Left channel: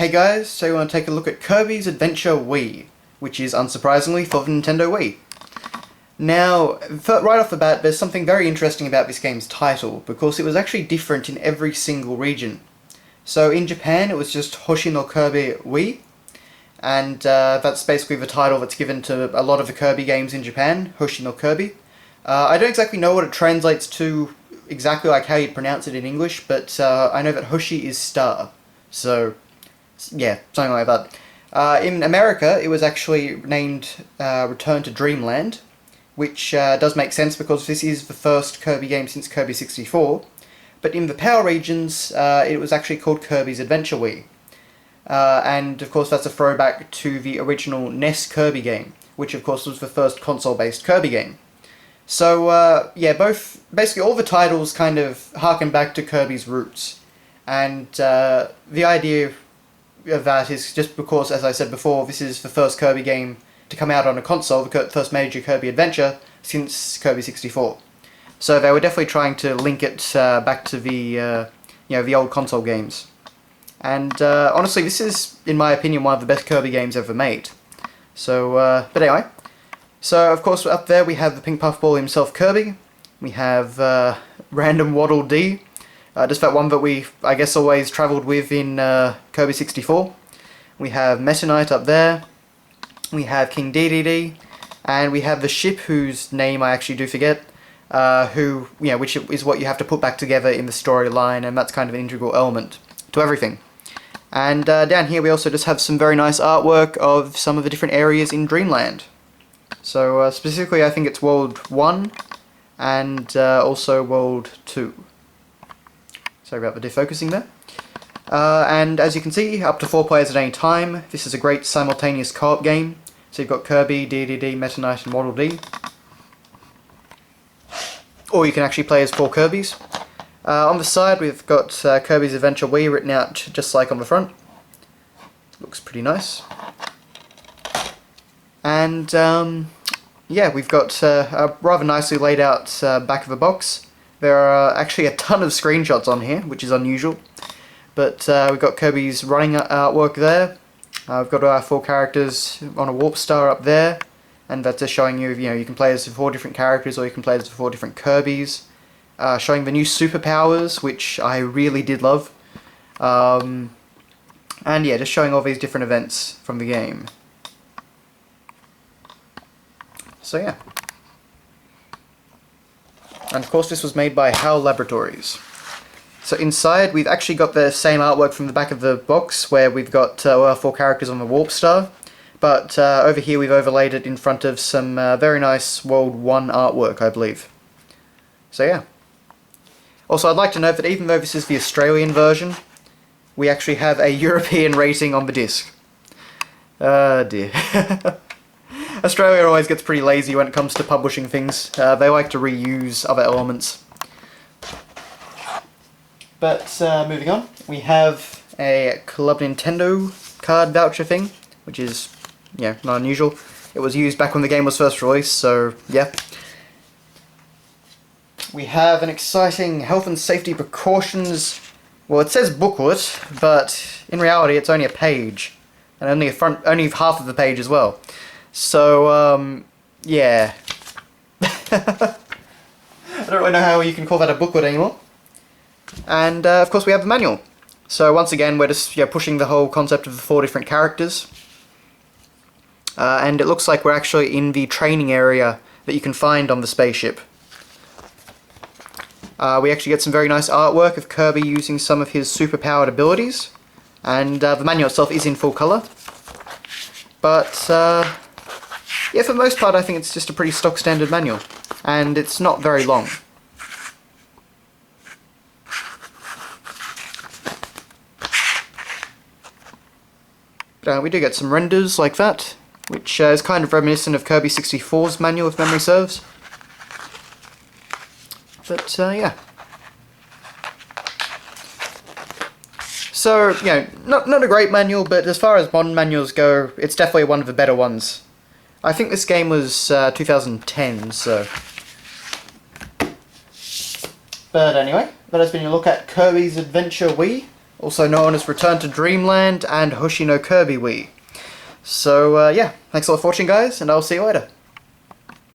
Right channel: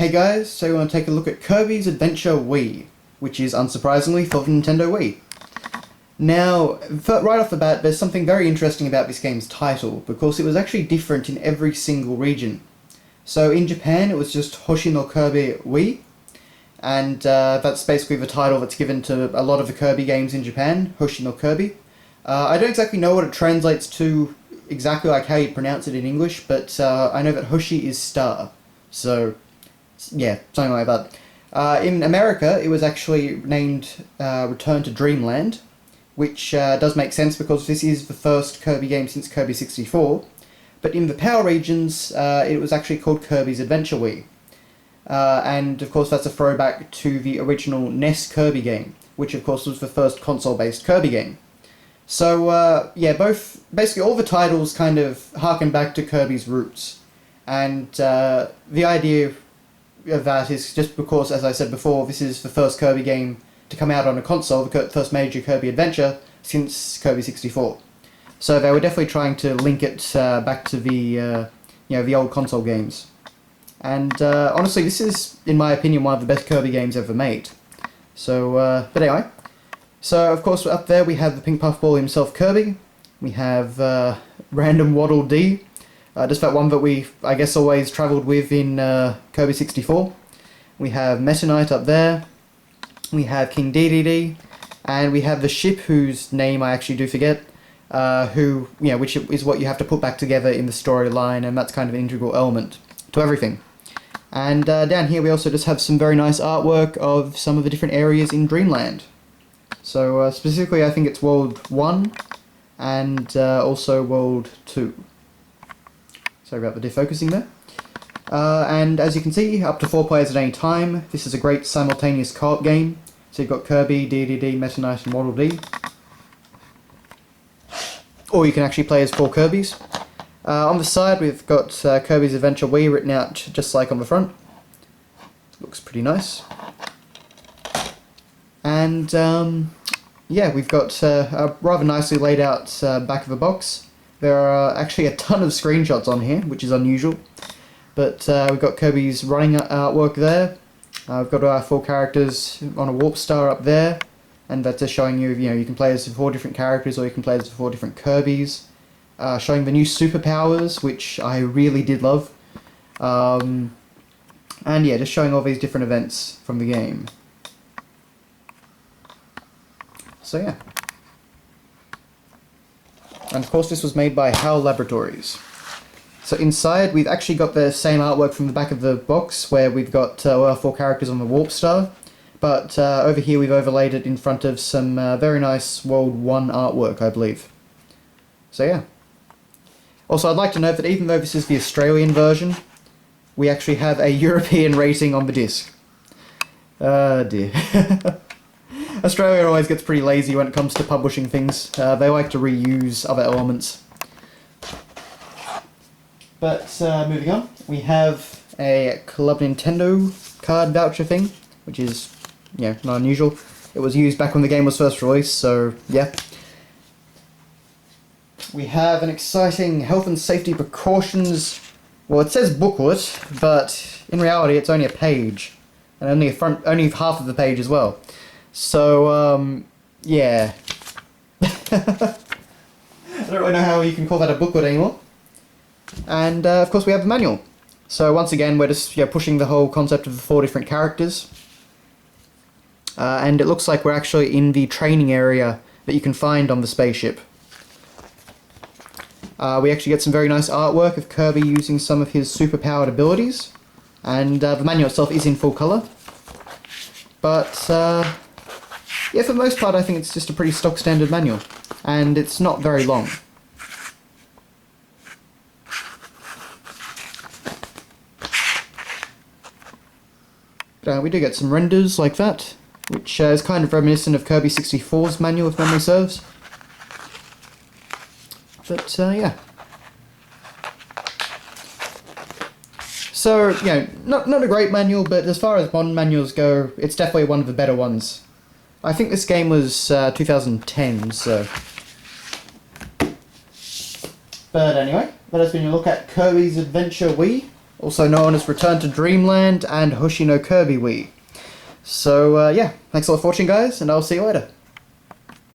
Hey guys, so we want to take a look at Kirby's Adventure Wii, which is unsurprisingly for the Nintendo Wii. Now, right off the bat, there's something very interesting about this game's title, because it was actually different in every single region. So in Japan, it was just Hoshi no Kirby Wii, and that's basically the title that's given to a lot of the Kirby games in Japan, Hoshi no Kirby. I don't exactly know what it translates to exactly like how you pronounce it in English, but I know that Hoshi is star, so yeah, something like that. In America, it was actually named Return to Dreamland, which does make sense because this is the first Kirby game since Kirby 64. But in the PAL regions, it was actually called Kirby's Adventure Wii. And of course that's a throwback to the original NES Kirby game, which of course was the first console-based Kirby game. So yeah, basically all the titles kind of harken back to Kirby's roots. And the idea of that is just because, as I said before, this is the first Kirby game to come out on a console, the first major Kirby adventure since Kirby 64. So they were definitely trying to link it back to the the old console games. And honestly, this is, in my opinion, one of the best Kirby games ever made. So, but anyway. So, of course, up there we have the pink puffball himself, Kirby. We have Random Waddle Dee. Just that one that we, I guess, always travelled with in Kirby 64. We have Meta Knight up there. We have King Dedede. And we have the ship, whose name I actually do forget. Which is what you have to put back together in the storyline, and that's kind of an integral element to everything. And down here we also just have some very nice artwork of some of the different areas in Dreamland. So specifically I think it's World 1 and also World 2. Sorry about the defocusing there. And as you can see, up to 4 players at any time. This is a great simultaneous co-op game. So you've got Kirby, Dedede, Meta Knight and Waddle Dee. Or you can actually play as 4 Kirbys. On the side we've got Kirby's Adventure Wii written out just like on the front. Looks pretty nice. And yeah, we've got a rather nicely laid out back of the box. There are actually a ton of screenshots on here, which is unusual. But we've got Kirby's running artwork there. We've got our 4 characters on a warp star up there. And that's just showing you, you can play as 4 different characters, or you can play as 4 different Kirbys. Showing the new superpowers, which I really did love. And yeah, just showing all these different events from the game. So yeah. And of course this was made by HAL Laboratories. So inside we've actually got the same artwork from the back of the box, where we've got our 4 characters on the warp star. But over here we've overlaid it in front of some very nice World 1 artwork, I believe. So yeah. Also, I'd like to note that even though this is the Australian version, we actually have a European rating on the disc. Dear. Australia always gets pretty lazy when it comes to publishing things. They like to reuse other elements. But moving on, we have a Club Nintendo card voucher thing, which is, not unusual. It was used back when the game was first released, so yeah. We have an exciting health and safety precautions. Well, it says booklet, but in reality it's only a page, and only half of the page as well. So yeah. I don't really know how you can call that a booklet anymore. And of course we have the manual. So once again we're just pushing the whole concept of the 4 different characters. And it looks like we're actually in the training area that you can find on the spaceship. We actually get some very nice artwork of Kirby using some of his superpowered abilities, and the manual itself is in full colour. But yeah, for the most part I think it's just a pretty stock standard manual, and it's not very long. But we do get some renders like that, which is kind of reminiscent of Kirby 64's manual, if memory serves. But, yeah. So, not a great manual, but as far as modern manuals go, it's definitely one of the better ones. I think this game was 2010, so... But anyway, that has been a look at Kirby's Adventure Wii. also known as Return to Dreamland and Hoshi no Kirby Wii. So yeah, thanks a lot for watching guys, and I'll see you later.